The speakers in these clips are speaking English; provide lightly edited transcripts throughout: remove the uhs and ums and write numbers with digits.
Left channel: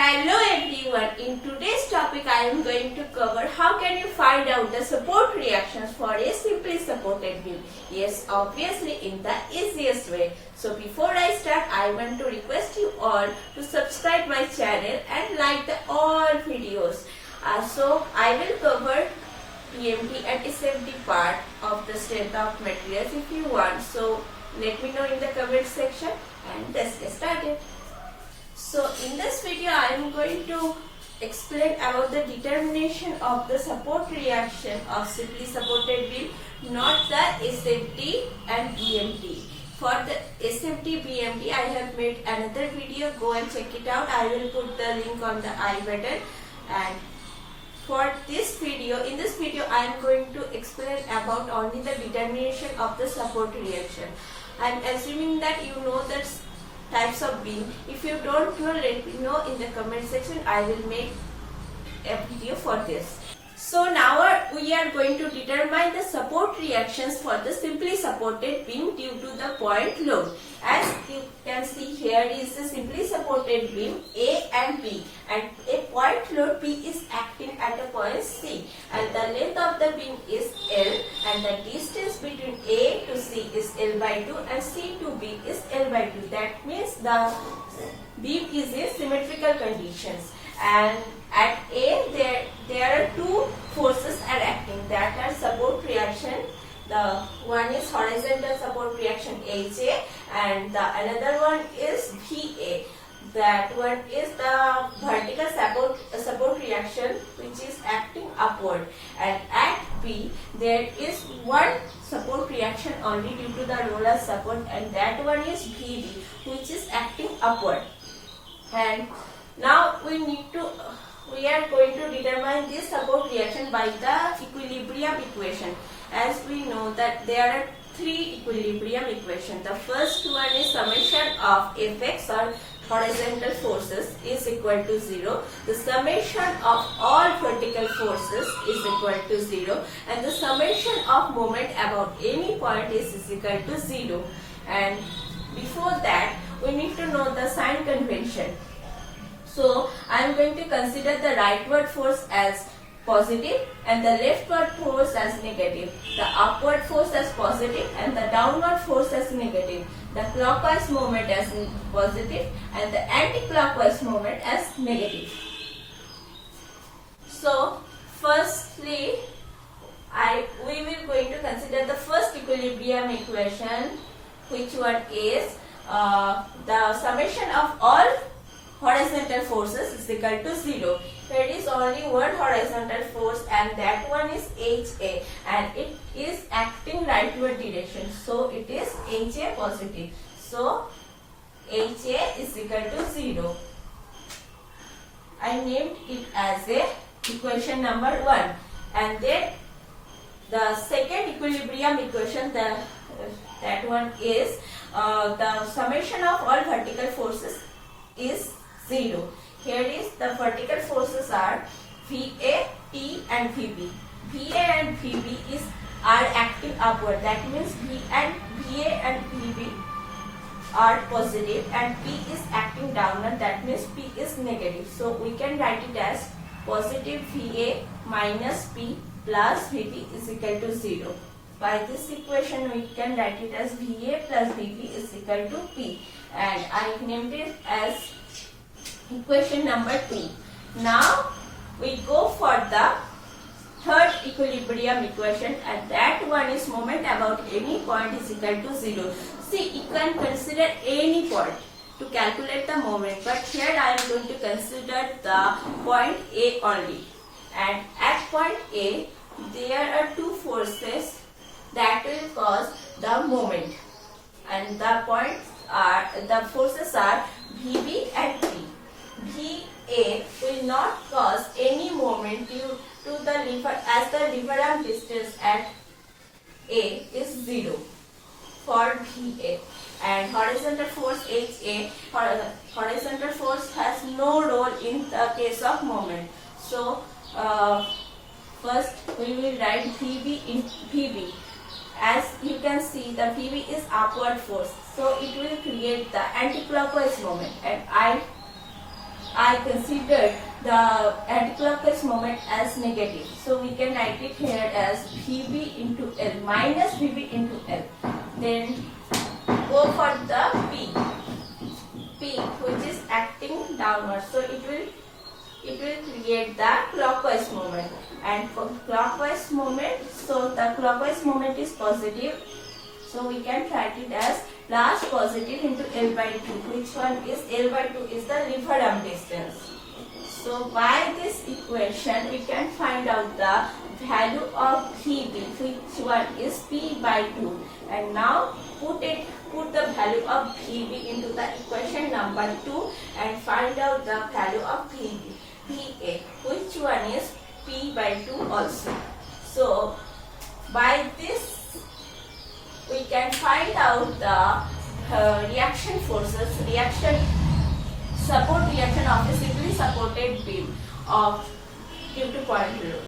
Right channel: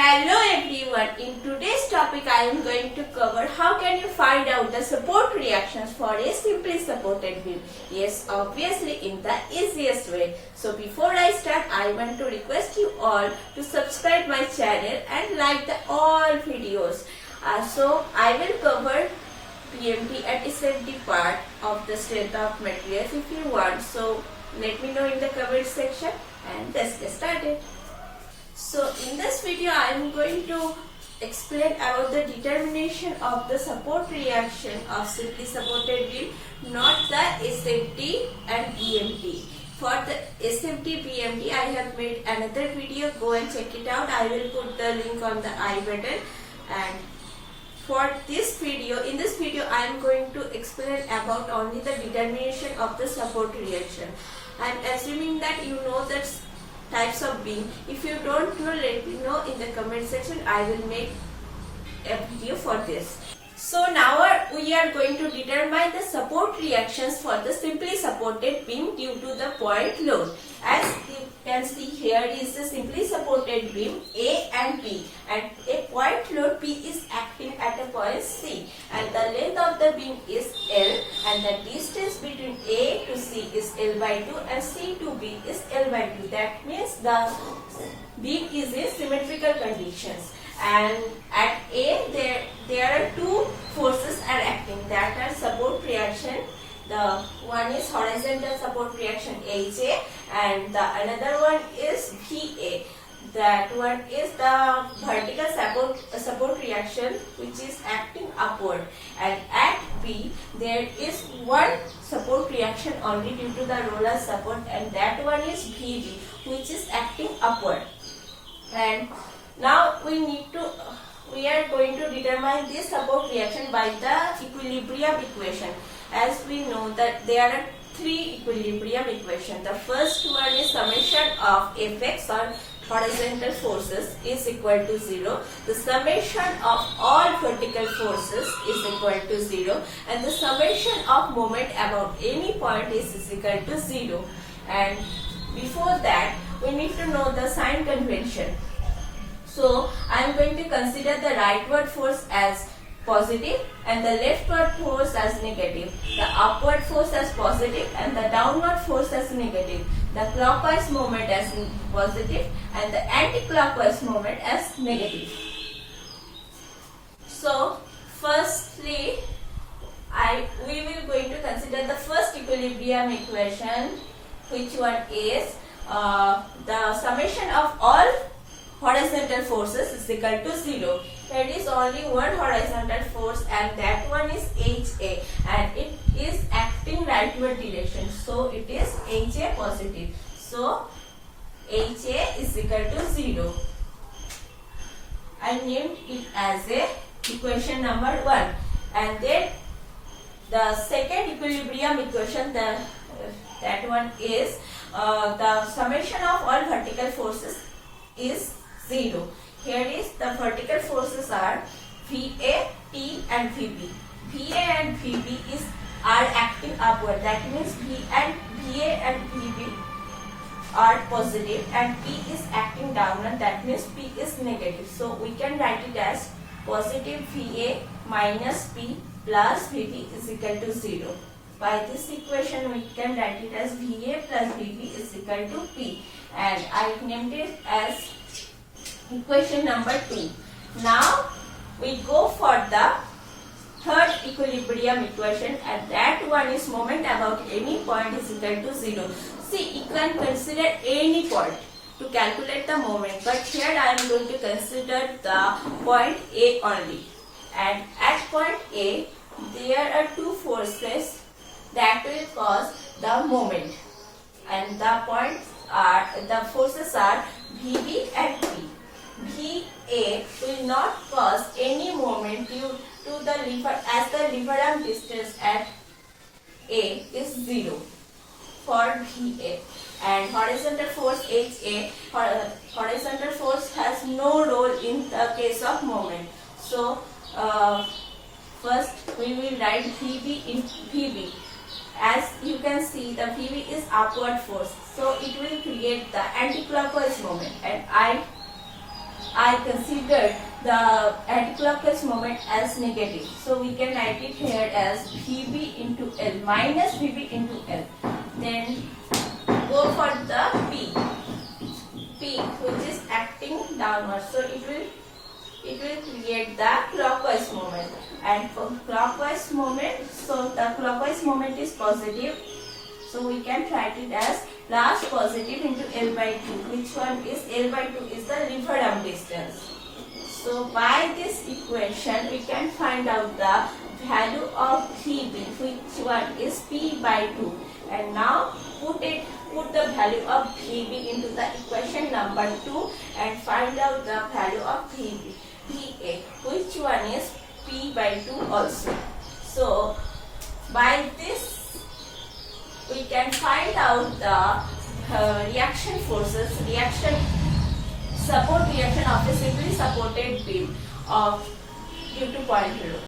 Hello everyone, in today's topic I am going to cover how can you find out the support reactions for a simply supported beam. Yes, obviously in the easiest way. So before I start, I want to request you all to subscribe my channel and like the all videos. So I will cover PMT and SFD part of the strength of materials if you want. So let me know in the comment section and let's get started. So in this video I am going to explain about the determination of the support reaction of simply supported beam, not the SFD and BMT. For the SFD BMT I have made another video, go and check it out. I will put the link on the I button. And for this video, in this video I am going to explain about only the determination of the support reaction. I am assuming that you know that types of beam. If you don't know, let me know in the comment section. I will make a video for this. So now we are going to determine the support reactions for the simply supported beam due to the point load. As you can see, here is the simply supported beam A and B, and a point load P is acting at a point C, and the length of the beam is L, and the distance between A to C is L by 2 and C to B is L by 2. That means the beam is in symmetrical conditions. And at A there are two forces are acting, that are support reaction. The one is horizontal support reaction HA, and the another one is VA. That one is the vertical support reaction which is acting upward. And at B there is one support reaction only due to the roller support, and that one is VB which is acting upward. And now we are going to determine this support reaction by the equilibrium equation. As we know that there are three equilibrium equations. The first one is summation of Fx or horizontal forces is equal to 0. The summation of all vertical forces is equal to 0. And the summation of moment about any point is equal to 0. And before that, we need to know the sign convention. So I am going to consider the rightward force as positive and the leftward force as negative, the upward force as positive and the downward force as negative, the clockwise moment as positive and the anti-clockwise moment as negative. So firstly, we will going to consider the first equilibrium equation, which one is the summation of all horizontal forces is equal to 0. There is only one horizontal force, and that one is HA, and it is acting rightward direction. So it is HA positive. So HA is equal to 0. I named it as a equation number 1. And then the second equilibrium equation, that one is the summation of all vertical forces is 0. Here is the vertical forces are VA, T and VB. VA and VB are acting upward. That means VA and VB are positive and P is acting downward. That means P is negative. So we can write it as positive VA minus P plus VB is equal to 0. By this equation we can write it as VA plus VB is equal to P, and I named it as equation number 2. Now we go for the third equilibrium equation, and that one is moment about any point is equal to 0. See, you can consider any point to calculate the moment, but here I am going to consider the point A only. And at point A there are two forces that will cause the moment, and the forces are VB and P. VA will not cause any moment due to the lever, as the lever arm distance at A is 0 for VA. And horizontal force HA, horizontal force has no role in the case of moment. So first we will write VB in VB. As you can see, the VB is upward force, so it will create the anti-clockwise moment, and I I considered the anticlockwise moment as negative. So we can write it here as Vb into L minus Vb into L. Then go for the P which is acting downward. So it will create the clockwise moment, and for clockwise moment, so the clockwise moment is positive, so we can write it as plus positive into L by 2. Which one is L by 2 is the river arm distance. So by this equation we can find out the value of Vb, which one is P by 2, and now put the value of Vb into the equation number 2 and find out the value of Vb. Va, which one is P by 2 also. So by this we can find out the reaction forces, support reaction of a simply supported beam of due to point load.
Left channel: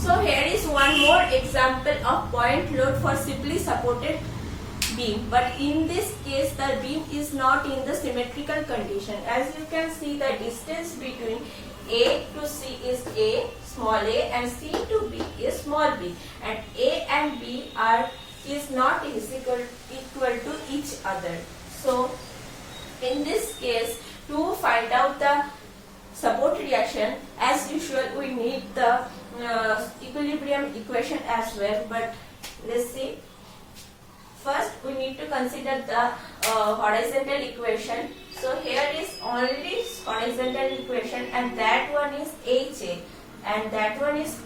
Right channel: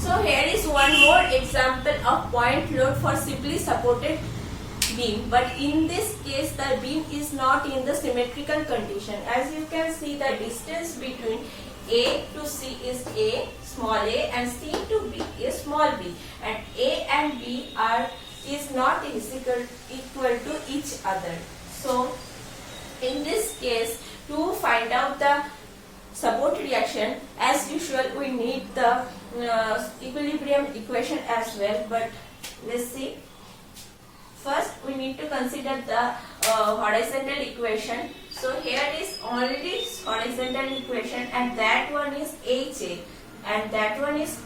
So here is one more example of point load for simply supported beam, but in this case the beam is not in the symmetrical condition. As you can see, the distance between A to C is A, small a, and C to B is small b, and A and B is not equal to each other. So in this case, to find out the support reaction, as usual we need the equilibrium equation as well, but let's see. First we need to consider the horizontal equation. So here is already horizontal equation, and that one is HA, and that one is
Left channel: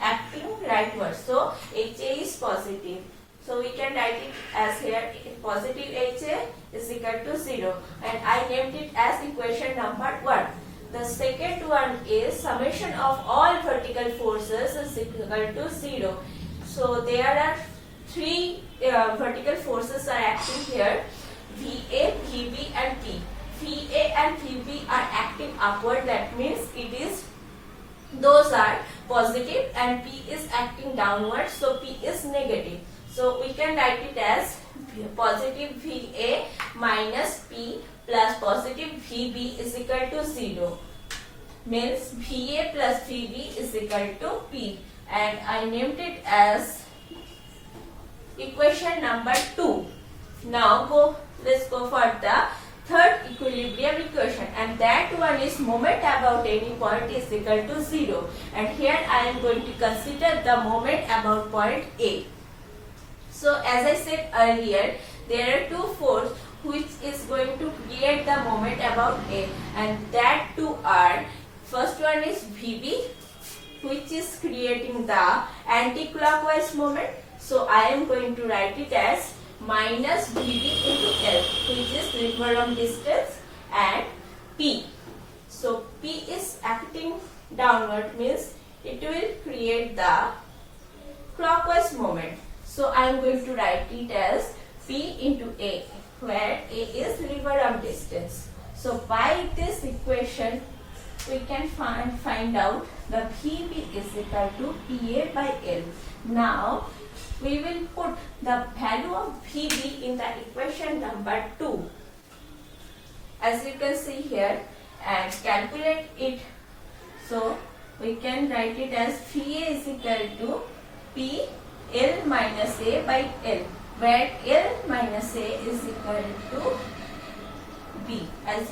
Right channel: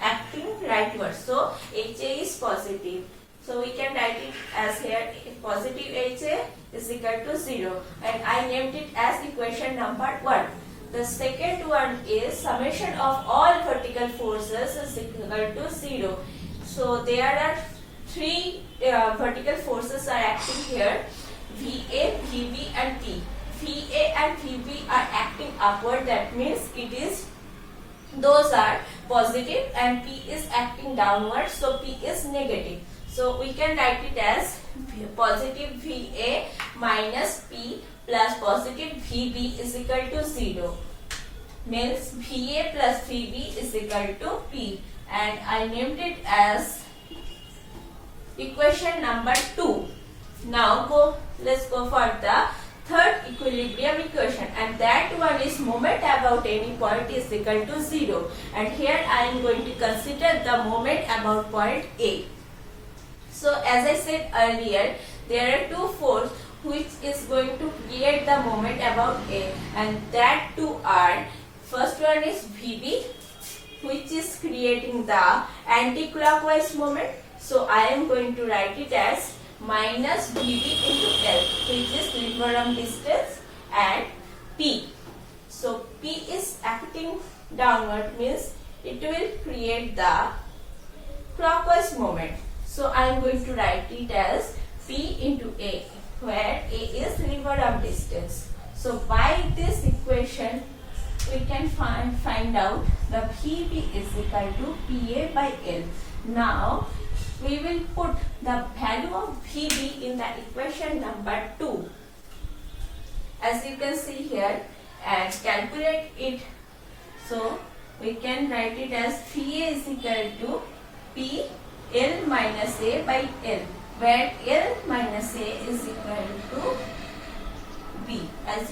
acting rightward. So HA is positive. So we can write it as here positive HA is equal to 0, and I named it as equation number 1. The second one is summation of all vertical forces is equal to 0. So there are three vertical forces are acting here: VA, VB and P. VA and VB are acting upward, that means those are positive, and P is acting downward, so P is negative. So we can write it as positive VA minus P plus positive VB is equal to 0. Means VA plus VB is equal to P, and I named it as equation number 2. Now let's go for the third equilibrium equation, and that one is moment about any point is equal to 0, and here I am going to consider the moment about point A. So as I said earlier, there are two forces which is going to create the moment about A, and that two are, first one is VB, which is creating the anti-clockwise moment. So I am going to write it as minus VB into L, which is river arm distance, and P. So P is acting downward, means it will create the clockwise moment. So I am going to write it as P into A, where A is river arm distance. So by this equation we can find out the VB is equal to PA by L. Now we will put the value of VB in the equation number 2, as you can see here, and calculate it. So we can write it as VA is equal to P L minus A by L, where L minus A is equal to B. As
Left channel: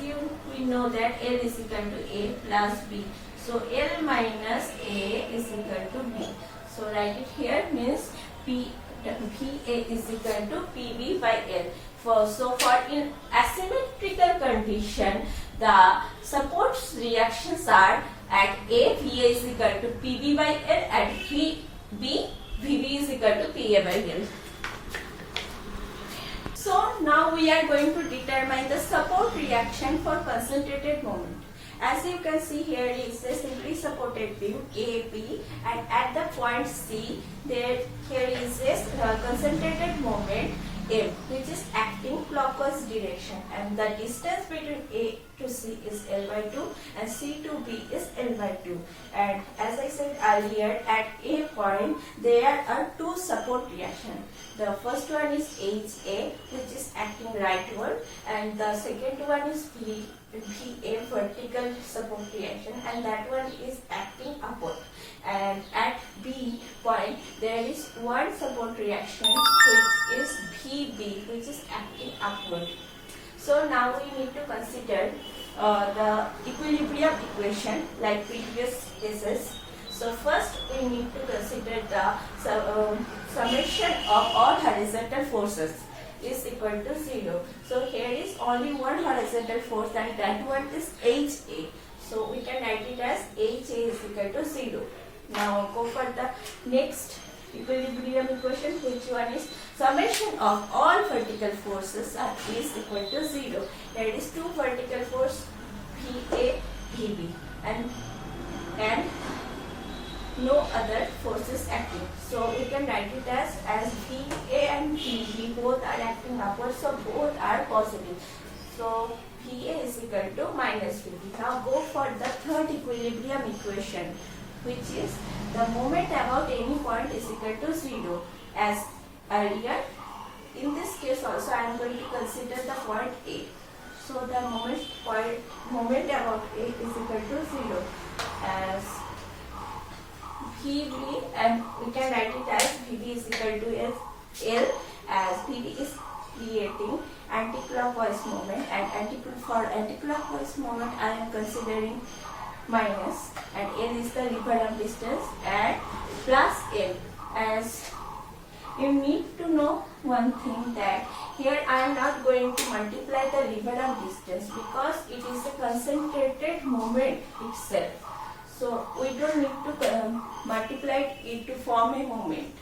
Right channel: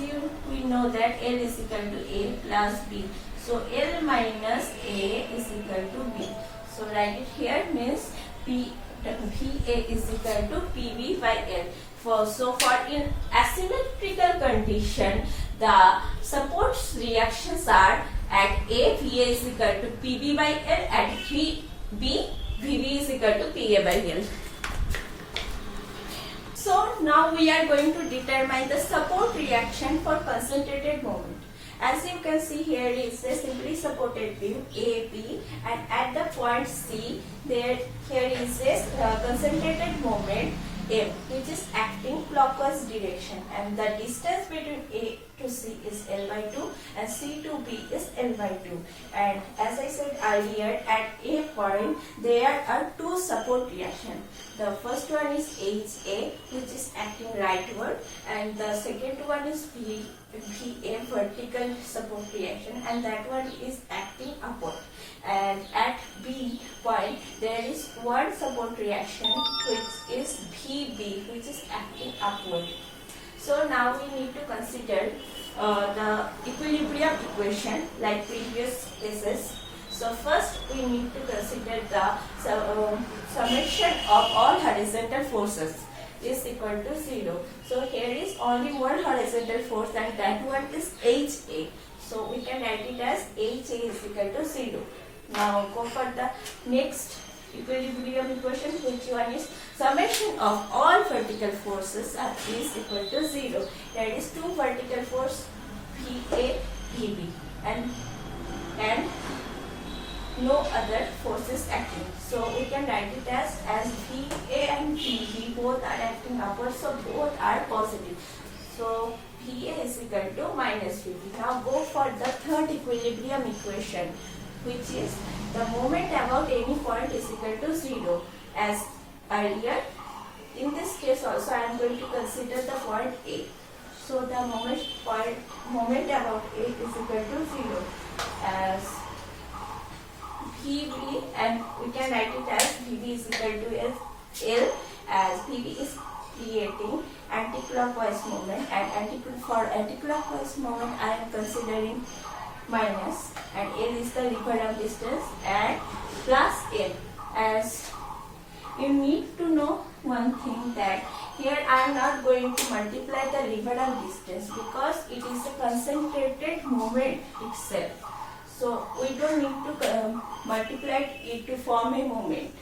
we know that L is equal to A plus B. So L minus A is equal to B. So write it here, means VA is equal to PB by L. So for in asymmetrical condition, the support reactions are at A, VA is equal to PB by L, at B, VB is equal to PA by L. So now we are going to determine the support reaction for concentrated moment. As you can see here, is a simply supported beam AB, and at the point C, here is a concentrated moment M, which is acting clockwise direction, and the distance between A to C is L by 2 and C to B is L by 2. And as I said earlier, at A point there are two support reactions. The first one is HA, which is acting rightward, and the second one is VA vertical support reaction, and that one is acting upward. And at B point there is one support reaction which is VB, which is acting upward. So now we need to consider the equilibrium equation like previous cases. So first we need to consider the summation of all horizontal forces is equal to 0. So here is only one horizontal force, and that one is HA. So we can write it as HA is equal to 0. Now go for the next equilibrium equation, which one is summation of all vertical forces is equal to 0. There is two vertical force VA, VB, and no other forces acting. So we can write it as VA and VB both are acting upward, so both are positive. So VA is equal to minus VB. Now go for the third equilibrium equation, which is the moment about any point is equal to 0. As earlier, in this case also I am going to consider the point A. So the moment about A is equal to 0 as VB, and we can write it as VB is equal to L, as VB is creating anticlockwise moment, and for anticlockwise moment I am considering minus, and L is the Leverhulme distance, and plus L. As you need to know one thing, that here I am not going to multiply the Leverhulme distance because it is a concentrated moment itself. So we don't need to multiply it to form a moment.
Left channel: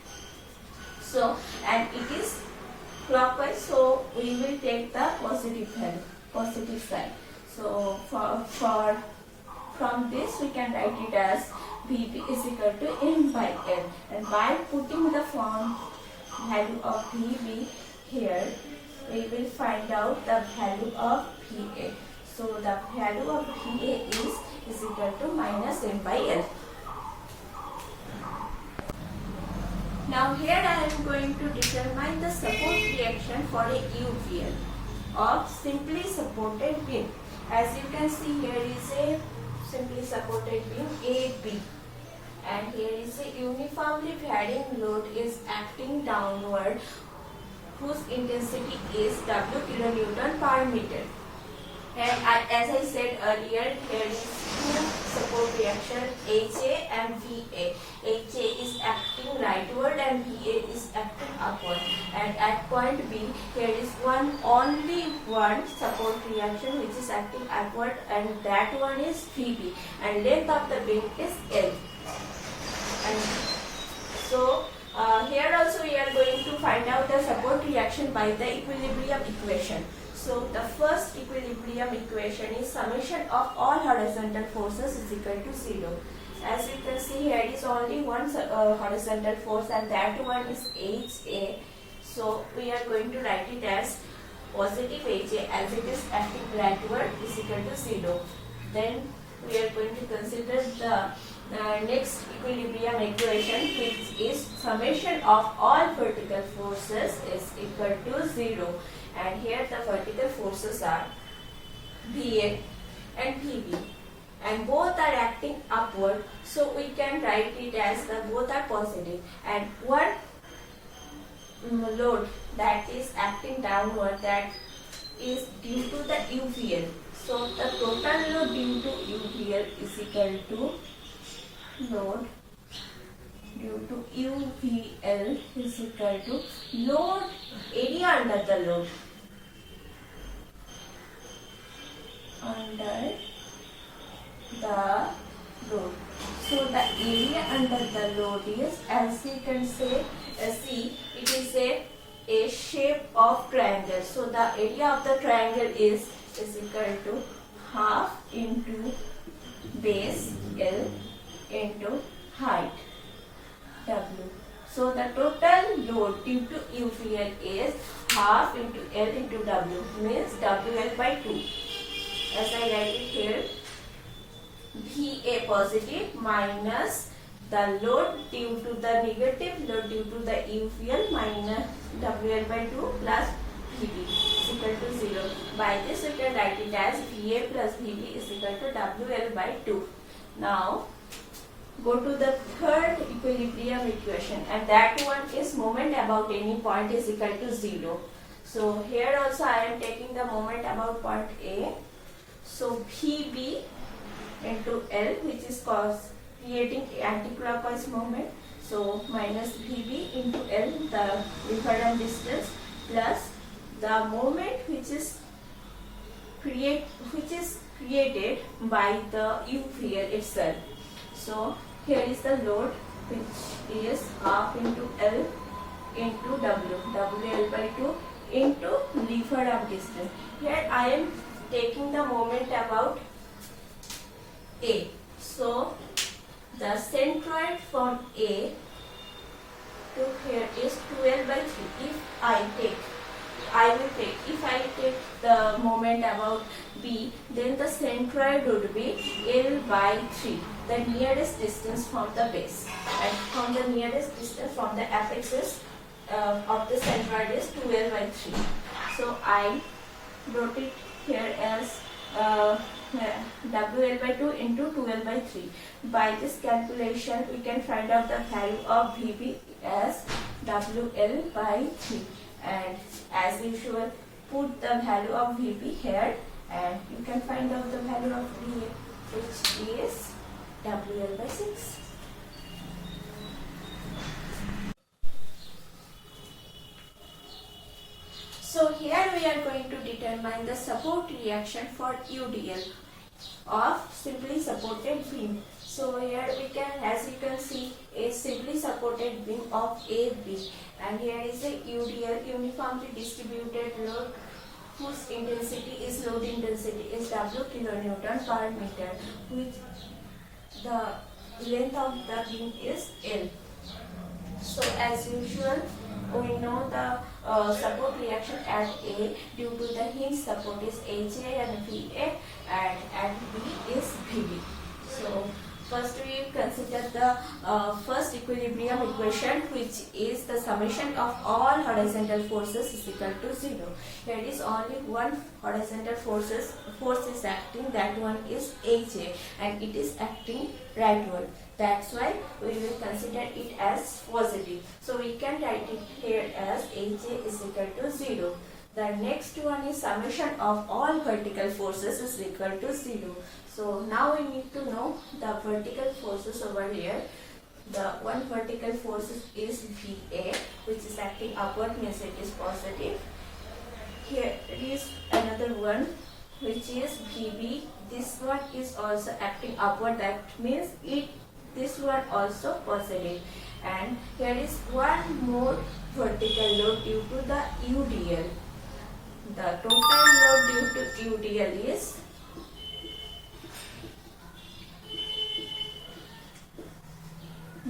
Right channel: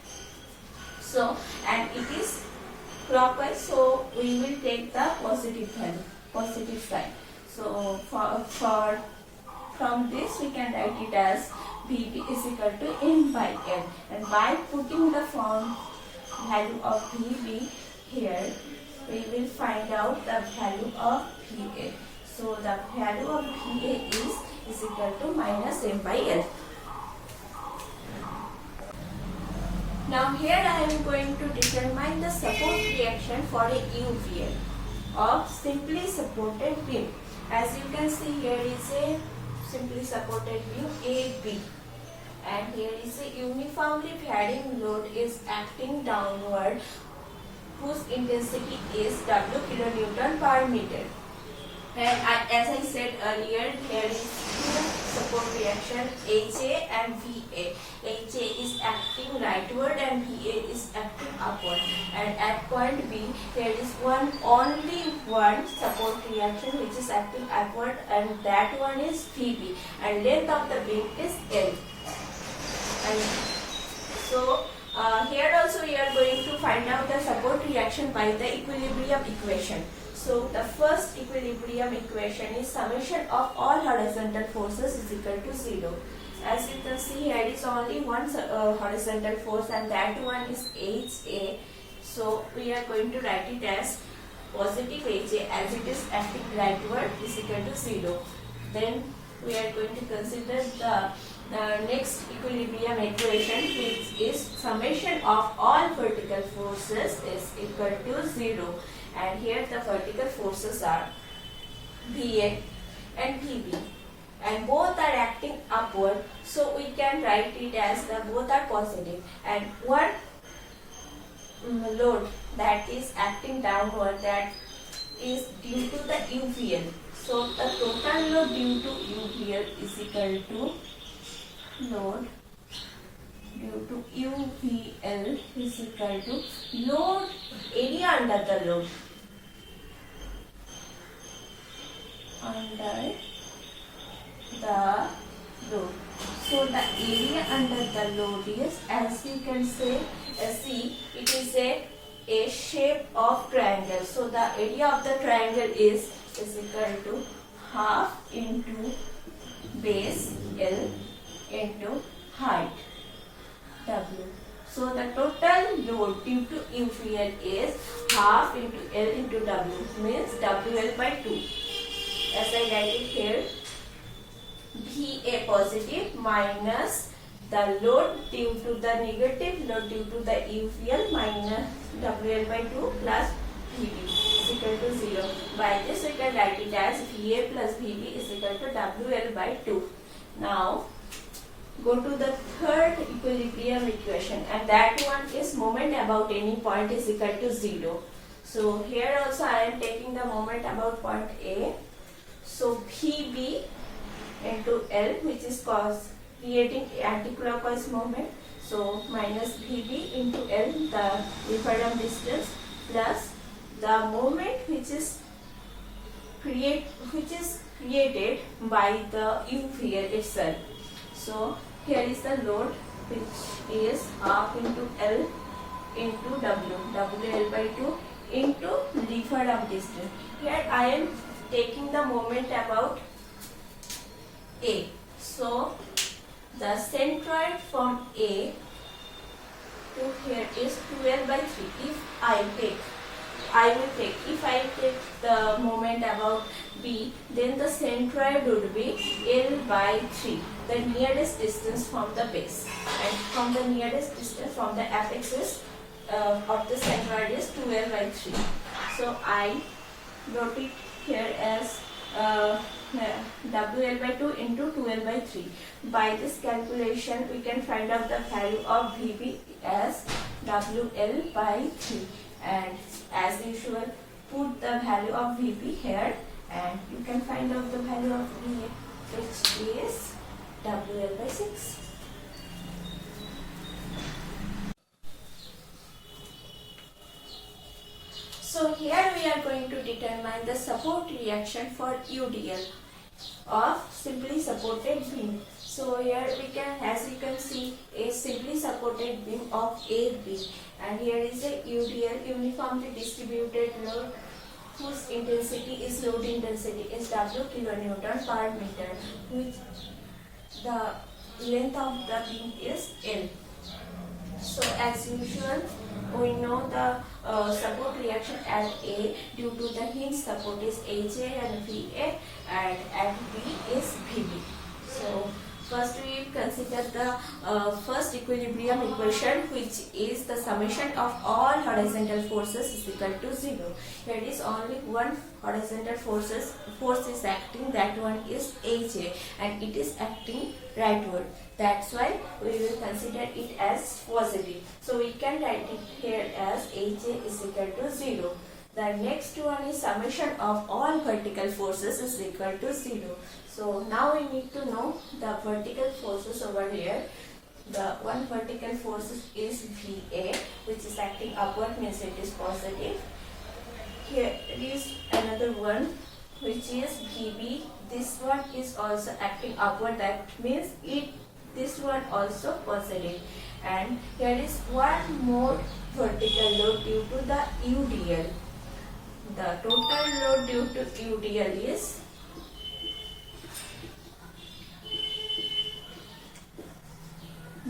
So, and it is clockwise, so we will take the positive value, positive sign. So from this we can write it as VB is equal to N by L, and by putting the form value of VB here, we will find out the value of VA. So the value of VA is equal to minus M by L. Now here I am going to determine the support reaction for a UVL of simply supported beam. As you can see, here is a simply supported beam AB, and here is a uniformly varying load is acting downward, whose intensity is W kilonewton per meter. And as I said earlier, there is two support reaction, HA and VA. HA is acting rightward and VA is acting upward. And at point B, there is only one support reaction which is acting upward, and that one is VB. And length of the beam is L. And so here also we are going to find out the support reaction by the equilibrium equation. So the first equilibrium equation is summation of all horizontal forces is equal to 0. As you can see, here is only one horizontal force, and that one is HA. So we are going to write it as positive HA, as it is acting rightward, is equal to 0. Then we are going to consider the next equilibrium equation, which is summation of all vertical forces is equal to 0. And here the vertical forces are VA and VB, and both are acting upward, so we can write it as the both are positive, and one load that is acting downward, that is due to the UVL. So the total load due to UVL is equal to load due to UVL is equal to load area under the load. Under the load. So the area under the load is, as you can say, see, it is a shape of triangle. So the area of the triangle is equal to half into base L into height W. So the total load due to UVL is half into L into W, means WL by 2. As I write it here, VA positive minus the load due to the negative load due to the UVL minus WL by 2 plus VD is equal to 0. By this we can write it as VA plus VB is equal to WL by 2. Now go to the third equilibrium equation, and that one is moment about any point is equal to 0. So here also I am taking the moment about point A. So VB into L, which is creating anti-clockwise moment. So minus VB into L, the Lieferdam distance, plus the moment which is created by the UVL itself. So here is the load, which is half into L into W, WL by 2 into Lieferdam distance. Here I am taking the moment about A. So the centroid from A to here is 2L by 3. If I take the moment about B, then the centroid would be L by 3, the nearest distance from the base, and from the nearest distance from the apex of the centroid is 2L by 3. So I wrote it here as WL by 2 into 2L by 3. By this calculation, we can find out the value of VB as WL by 3. And as usual, put the value of VB here, and you can find out the value of VA, which is WL by 6. So here we are going to determine the support reaction for UDL of simply supported beam. So here we can, as you can see, a simply supported beam of AB, and here is a UDL, uniformly distributed load, whose intensity is load intensity is W kilonewton per meter, which the length of the beam is L. So as usual, we know the support reaction at A due to the hinge support is AJ and VA, and at B is VB. So first we consider the first equilibrium equation, which is the summation of all horizontal forces is equal to 0. There is only one horizontal force is acting, that one is AJ, and it is acting rightward. That's why we will consider it as positive. So we can write it here as AJ is equal to 0. The next one is summation of all vertical forces is equal to 0. So now we need to know the vertical forces over here. The one vertical force is VA, which is acting upward, means it is positive. Here is another one, which is VB. This one is also acting upward, that means this one also positive. And there is one more vertical load due to the UDL. The total load due to UDL is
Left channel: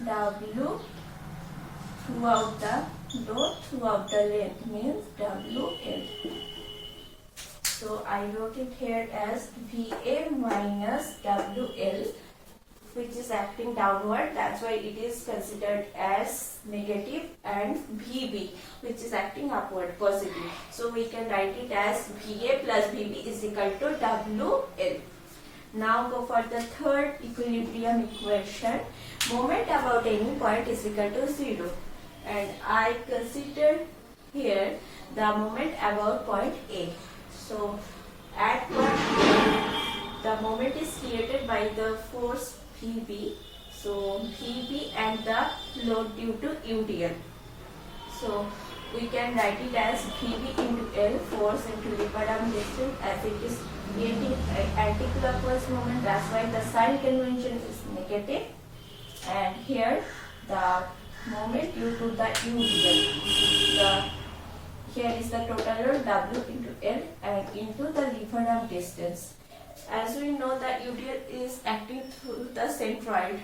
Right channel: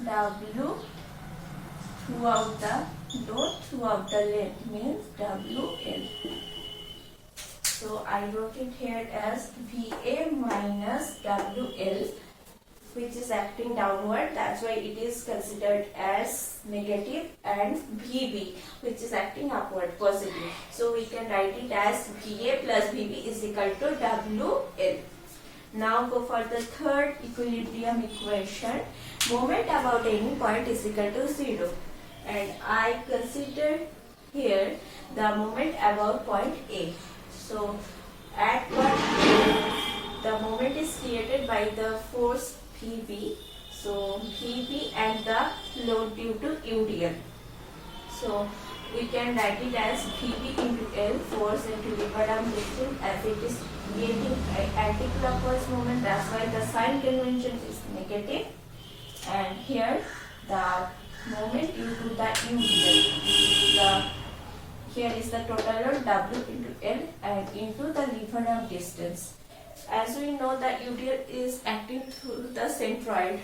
W throughout the load throughout the length, means WL. So I wrote it here as VA minus WL, which is acting downward, that's why it is considered as negative, and VB, which is acting upward, positive. So we can write it as VA plus VB is equal to WL. Now go for the third equilibrium equation. Moment about any point is equal to 0. And I consider here the moment about point A. So at point A, the moment is created by the force VB. So VB and the load due to UDL. So we can write it as VB into L, force into Lieferdam distance, as it is creating anti-clockwise moment. That's why the sign convention is negative. And here the moment due to the UDL. Here is the total load W into L and into the Lieferdam distance. As we know that UDL is acting through the centroid.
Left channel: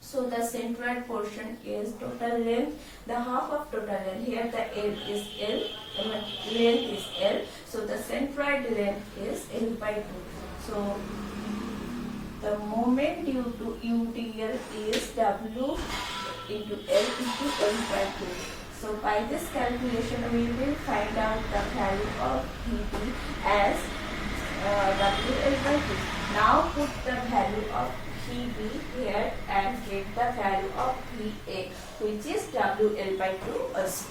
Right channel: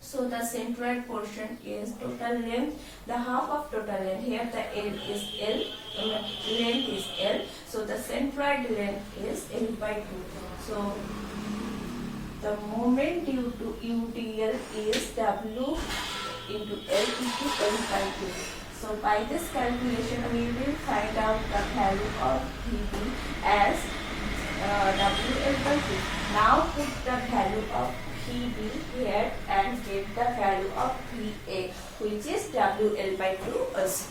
So the centroid portion is total length, the half of total length. Here the L is L, the length is L. So the centroid length is L by 2. So the moment due to UDL is W into L into L by 2. So by this calculation we will find out the value of VB as WL by 2. Now put the value of VB here and get the value of VA, which is WL by 2 also.